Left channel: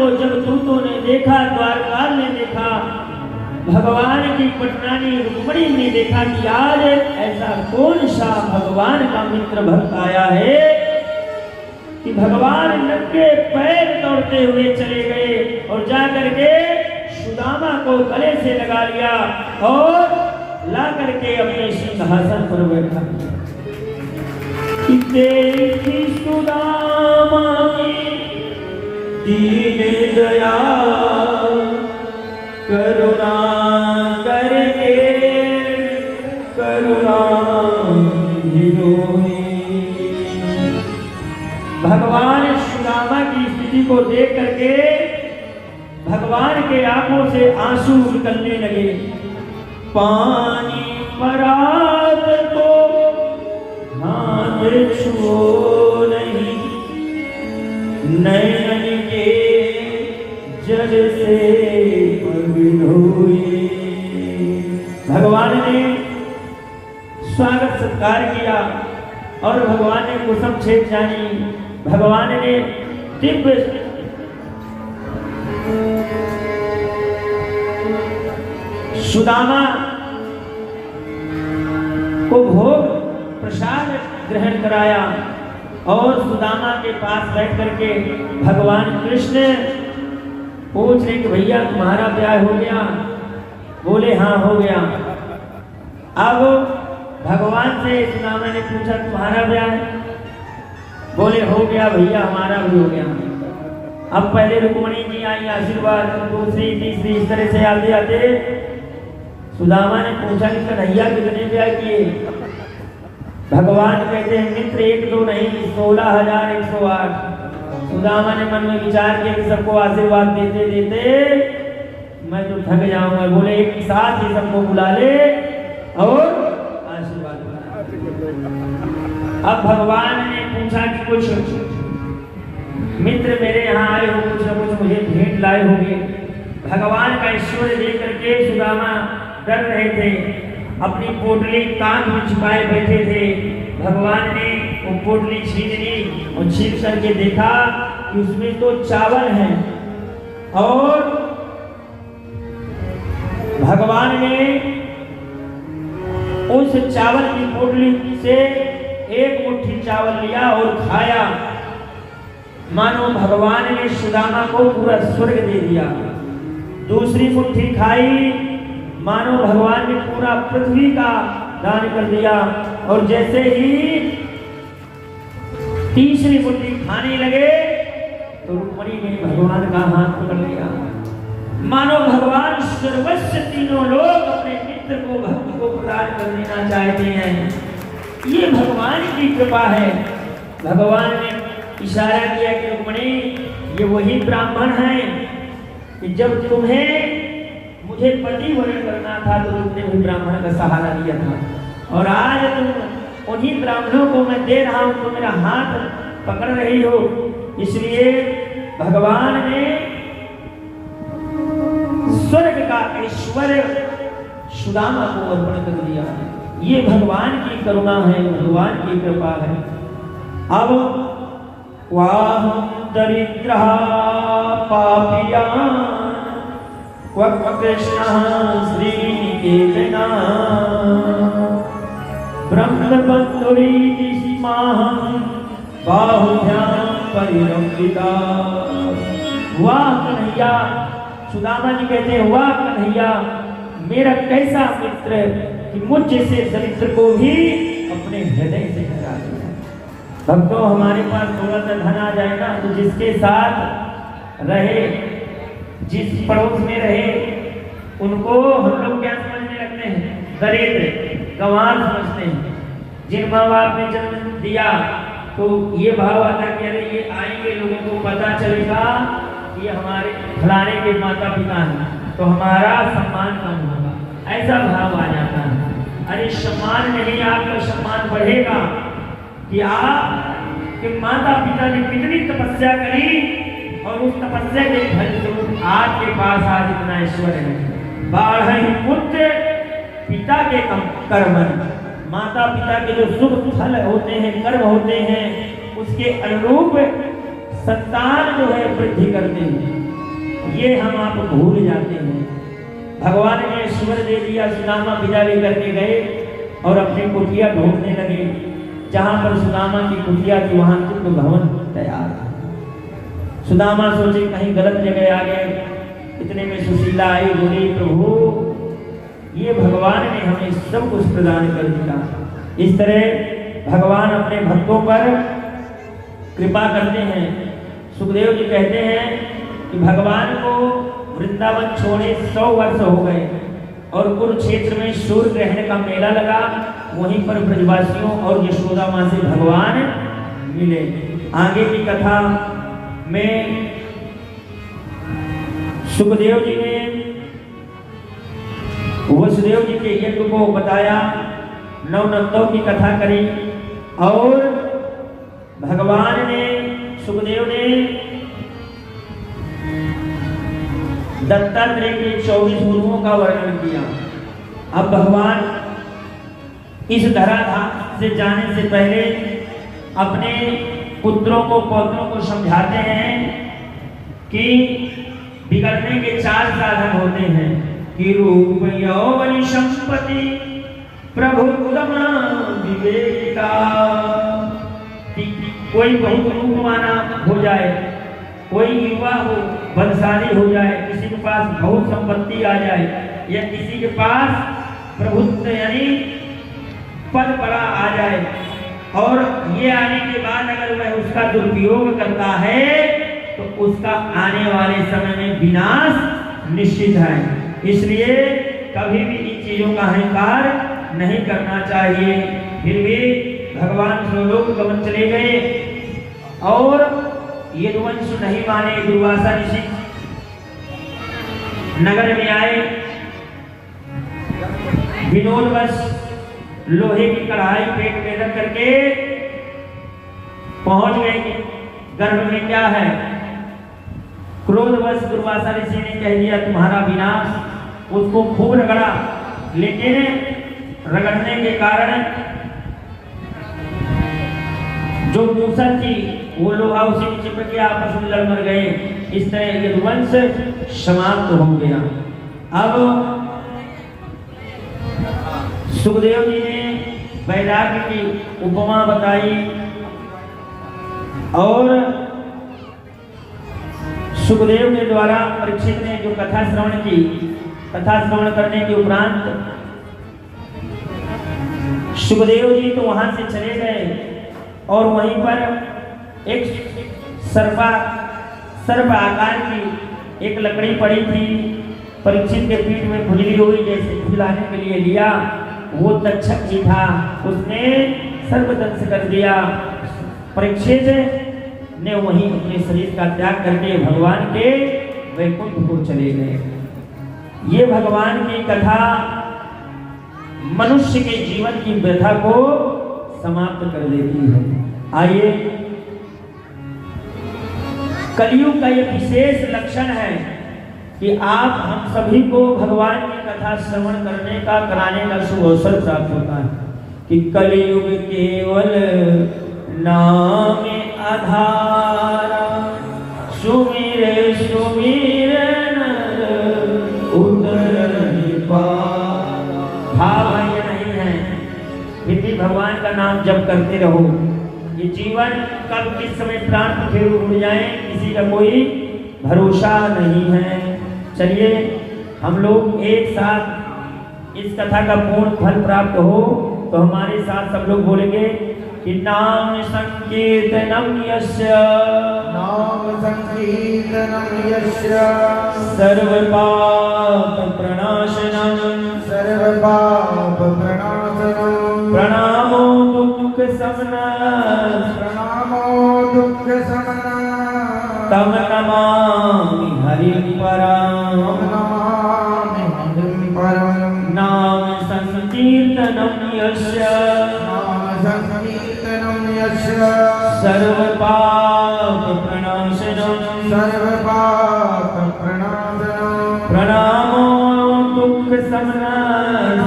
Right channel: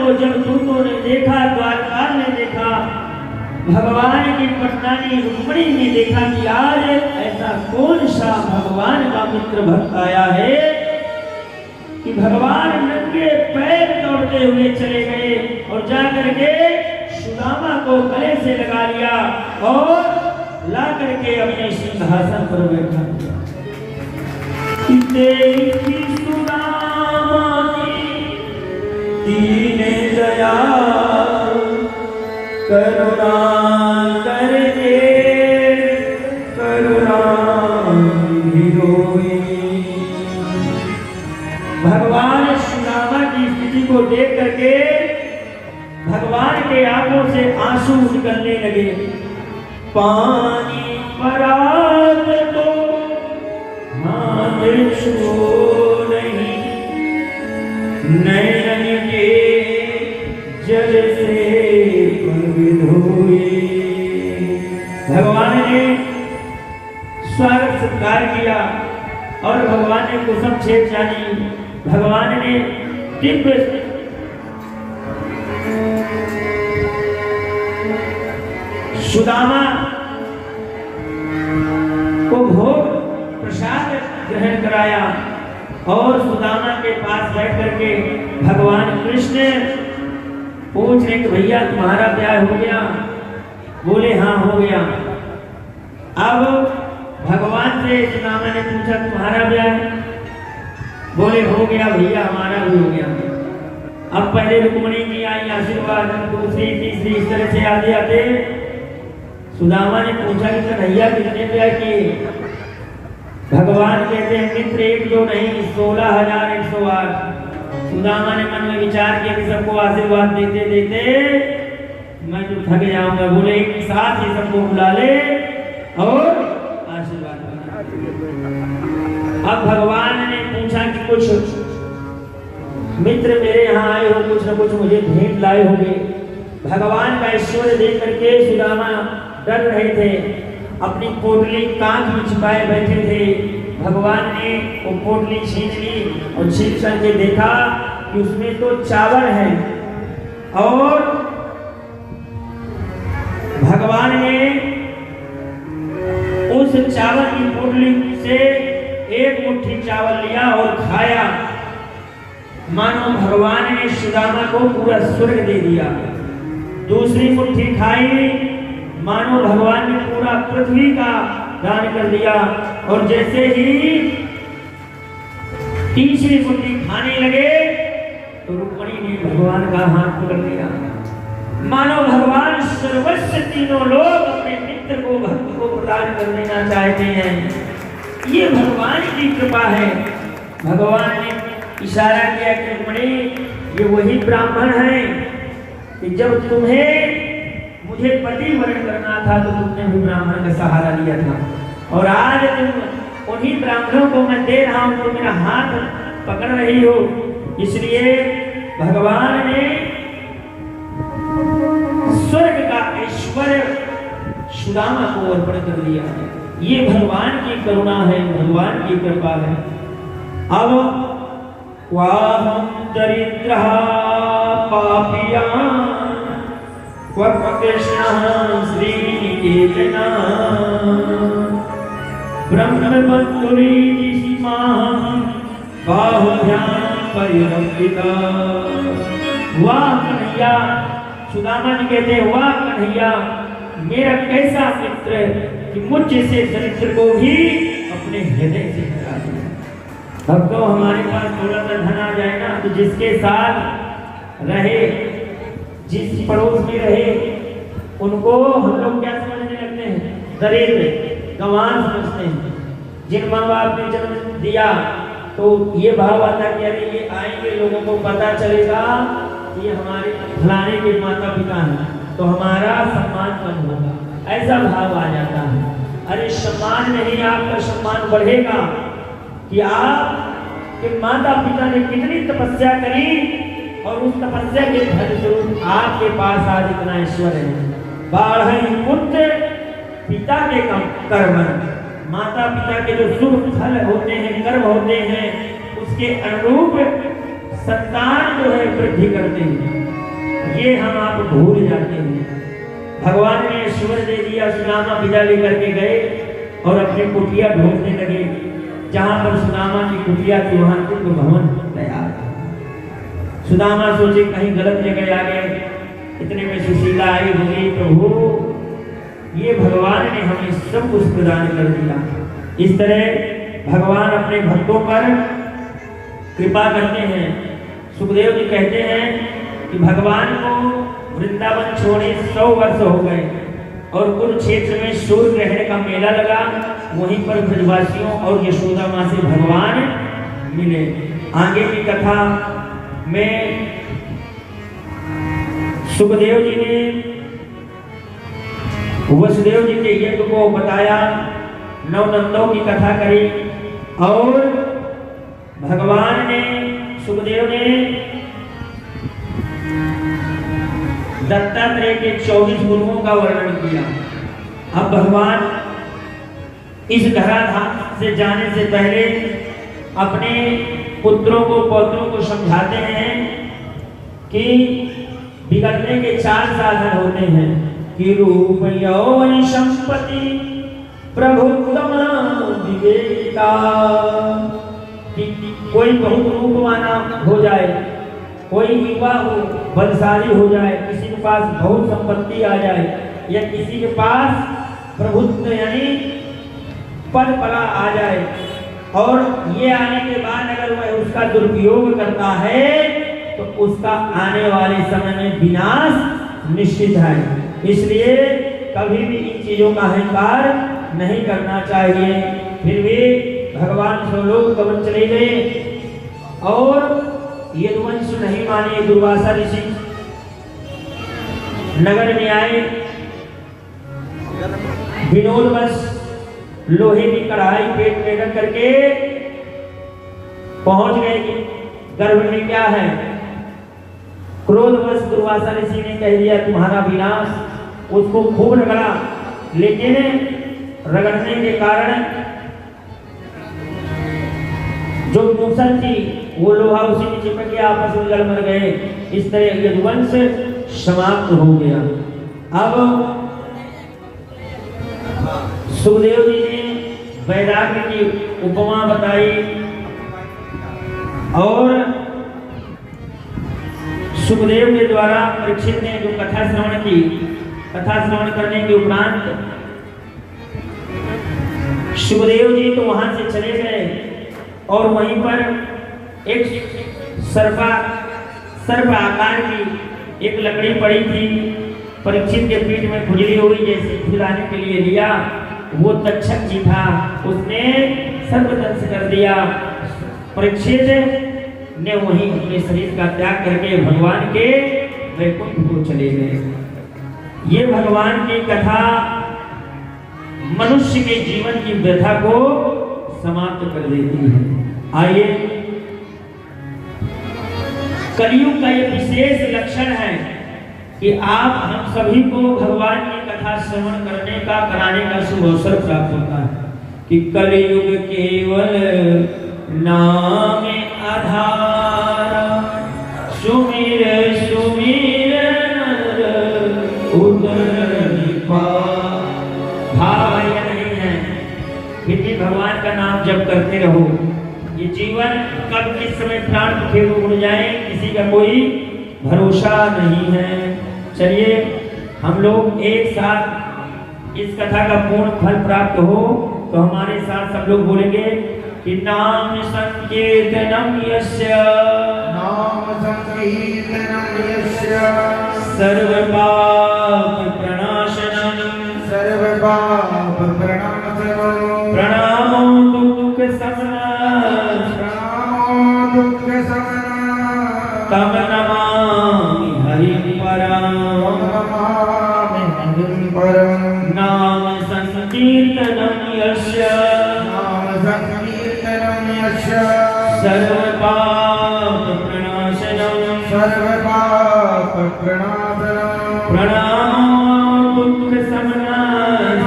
को जब दूतों ने देखा, द्वारपाल ने देखा, भगवान की पटरानी रुक्मिणी ने देखा कि यार ऐसा कौन सा भगवान का मित्र भक्त आया है कि भगवान नंगे पैर दौड़ते हुए चले गए और जाकर के सुदामा को गले से लगा लिया और ला करके अपने सिंहासन पर बैठा। देखी सुदामा दीन दया करुणा करके करुणा हिरोई। भगवान सुदामा की स्थिति को देख करके भगवान के आंखों से आंसू निकलने लगे। पानी परात तो हाथ छू नहीं, नैन के जल से धोई। भगवान ने स्वागत सत्कार किया और भगवान ने कुसुम छेद जानी। भगवान ने दिव्य सुदामा को भोग प्रसाद ग्रहण कराया और सुदामा के पास बैठ करके भगवान कृष्ण पूछ रहे कि भैया तुम्हारा ब्याह हो गया? बोले हाँ हो गया। अब भगवान से सुदामा ने पूछा तुम्हारा ब्याह? बोले हो गया भैया, हमारा भी हो गया। अब पहले रुक्मिणी जी आई आशीर्वाद, दूसरी तीसरी इस तरह से आते आते सुदामा ने पूछा कि कन्हैया कितने ब्याह किए? भगवान कहते हैं मित्र एक दो नहीं 16,108। सुदामा ने मन में विचार किया कि सबको आशीर्वाद देते देते मैं तो थक जाऊंगा। बोले एक साथ ही सबको बुला ले और आशीर्वाद बना। अब भगवान ने पूछा कि कुछ मित्र मेरे यहाँ आए हो, कुछ न कुछ मुझे भेंट लाए होंगे। भगवान का ऐश्वर्य देख करके सुदामा डर रहे थे, अपनी पोटली कांच में छिपाए बैठे थे। भगवान ने वो पोटली छीन ली और छीन करके देखा कि उसमें तो चावल है और भगवान ने उस चावल की पोटली से एक मुट्ठी चावल लिया और खाया। मानो भगवान ने सुदामा को पूरा स्वर्ग दे दिया। दूसरी मुट्ठी खाई, मानो भगवान ने पूरा पृथ्वी का दान कर दिया। और जैसे ही तीसरी मुट्ठी खाने लगे तो रुक्मिणी ने भगवान का हाथ पकड़ लिया। मानो भगवान सर्वस्व तीनों लोग अपने मित्र को भक्त को प्रदान कर देना चाहते हैं। ये भगवान की कृपा है। भगवान ने इशारा किया कि रुक्मिणी ये वही ब्राह्मण है कि जब तुम्हें मुझे पति वरण करना था तो तुमने भी ब्राह्मण का सहारा लिया था और आज तुम उन्हीं ब्राह्मणों को मैं दे रहा हूं, तुम मेरा हाथ पकड़ रही हो। इसलिए भगवान ने स्वर्ग का ऐश्वर्य सुदामा को अर्पण कर दिया। ये भगवान की करुणा है, भगवान की कृपा है। अब वाहं दरिद्रः पापियान् कृष्णः श्रीनिकेतनः ब्रह्मबन्धुरीति सीमाहं बाहुभ्यां परिरक्षिता। वाह कन्हैया, सुदामा जी कहते हैं वाह कन्हैया, मेरा कैसा मित्र कि मुझ जैसे दरिद्र को भी अपने हृदय से करा दिया। भक्तों हमारे पास थोड़ा सा धन आ जाए ना तो जिसके साथ रहे, जिस पड़ोस में रहे, उनको हम लोग क्या समझने लगते हैं? दरिद्र, गंवार समझते हैं। जिन माँ बाप ने जन्म दिया तो ये भाव आता कि अरे ये आएंगे, लोगों को पता चलेगा कि ये हमारे फलाने के माता पिता हैं तो हमारा सम्मान कम होगा, ऐसा भाव आ जाता है। अरे सम्मान नहीं, आपका सम्मान बढ़ेगा कि आपके माता पिता ने कितनी तपस्या करी और उस तपस्या के फल से आपके पास आज इतना ऐश्वर्य है। बाढ़ पुत्र पिता के कर्म, माता पिता के जो शुभ फल होते हैं, कर्म होते हैं, उसके अनुरूप संतान जो है वृद्धि करते हैं। ये हम आप भूल जाते हैं। भगवान ने ईश्वर दे दिया, सुदामा विदा लेकर के गए और अपनी कुटिया ढूंढने लगे। जहां पर सुदामा की कुटिया थी वहां इंद्र भवन तैयार था। सुदामा सोचे कहीं गलत जगह आ गए, इतने में सुशीला आई, बोले प्रभु ये भगवान ने हमें सब कुछ प्रदान कर दिया। इस तरह भगवान अपने भक्तों पर कृपा करते हैं। सुखदेव जी कहते हैं कि भगवान को वृंदावन छोड़े 100 वर्ष हो गए और कुरुक्षेत्र में सूर्य ग्रहण का मेला लगा। वहीं पर ब्रजवासियों और यशोदा मां से भगवान मिले। आगे की कथा में सुखदेव जी ने वसुदेव जी के यज्ञ को बताया, नवनंदों की कथा करी और भगवान ने सुखदेव ने दत्तात्रेय के 24 गुरुओं का वर्णन किया। अब भगवान इस धराधाम से जाने से पहले अपने पुत्रों को पौत्रों को समझाते हैं कि बिगड़ने के 4 साधन होते हैं कि रूप यौवन संपत्ति प्रभु विवेका। कोई बहुत रूपवाना हो जाए, कोई युवा हो बलशाली हो जाए, किसी के पास बहुत संपत्ति आ जाए या किसी के पास प्रभुत्व यानी पद बड़ा आ जाए और ये आने के बाद अगर वह उसका दुरुपयोग करता है तो उसका आने वाले समय में विनाश निश्चित है। इसलिए कभी भी इन चीजों का अहंकार नहीं करना चाहिए। फिर भी भगवान स्वलोक गमन चले गए और यदुवंश नहीं माने। दुर्वासा ऋषि नगर में आए, विनोदवश लोहे की कढ़ाई पेट में रख करके पहुंच गए। गर्भ में क्या है? क्रोधवश दुर्वासा ऋषि ने कह दिया तुम्हारा विनाश। उसको खूब रगड़ा, लेकिन रगड़ने के कारण जो दूषण थी वो लोहा उसी में चिपक गया, आपस में लड़ मर गए। इस तरह यदुवंश समाप्त हो गया। अब सुखदेव जी ने वैराग्य की उपमा बताई और सुखदेव के द्वारा परीक्षित ने जो कथा श्रवण की, कथा श्रवण करने के उपरांत सुखदेव जी तो वहां से चले गए और वहीं पर एक सर्प आकार की एक लकड़ी पड़ी थी। परीक्षित के पीठ में खुजली हुई, जैसे खिलाने के लिए लिया, वो तक्षक जी था, उसने सर्वदंश कर दिया। परीक्षित ने वहीं अपने शरीर का त्याग करके भगवान के वैकुंठ को चले गए। ये भगवान की कथा मनुष्य के जीवन की व्यथा को समाप्त कर देती है। आइए, कलयुग का ये विशेष लक्षण है कि आप हम सभी को भगवान की कथा श्रवण करने का, कराने का शुभ अवसर प्राप्त होता है कि कलयुग केवल नाम आधारा, सुमिर सुमिर भाव ये नहीं है। फिर भी भगवान का नाम जप करते रहो। ये जीवन कब किस समय प्राण फिर उड़ जाए किसी का कोई भरोसा नहीं है। चलिए हम लोग एक साथ इस कथा का पूर्ण फल प्राप्त हो तो हमारे साथ सब लोग बोलेंगे कि नाम संकीर्तनम यस्य, नाम संकीर्तनम यस्य, सर्व पाप प्रणाशनम, सर्व पाप प्रणाशनम, प्रणामो दुख शमनम, प्रणामो दुख शमनम, तम नमामि हरिं परम, नमामि हरिं परम, नाम संकीर्तनम यस्य, नाम संकीर्तनम यस्य, सर्व पाप प्रणाशनम, सर्व पाप प्रणाशनम, प्रणामो दुख शमनम,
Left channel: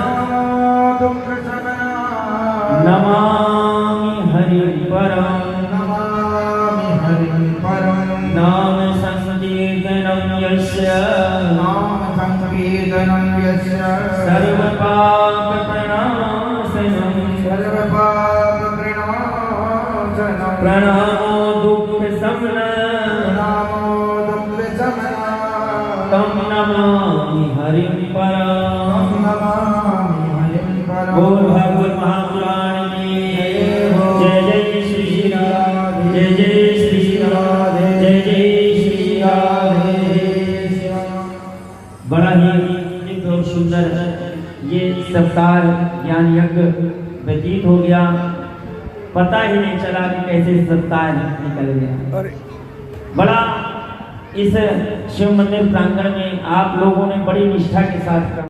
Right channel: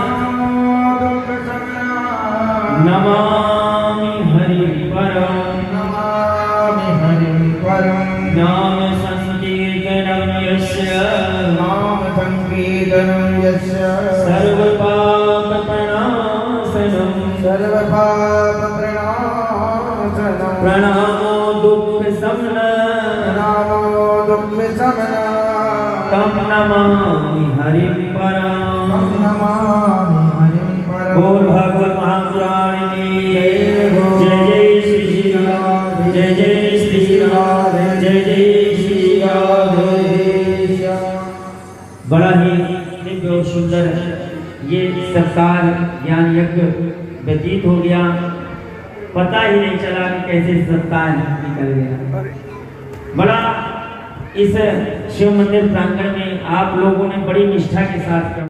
दुख शमनम, नमामि हरिं परम, नमामि हरिं परम, नाम संकीर्तनम यस्य, समना नामो दुःख समना तम नमामि हरिं परम। नमामि हरिं परम। बोल भागवत महापुराण की जय जय श्री राधे जय जय श्री राधे जय जय श्री राधे। बड़ा ही दिव्य और सुंदर ये सत्कार ज्ञान यज्ञ व्यतीत हो गया, पता ही नहीं चला कि कैसे सत्कार निकल गया। बड़ा इस शिव मंदिर प्रांगण में आप लोगों ने बड़ी निष्ठा के साथ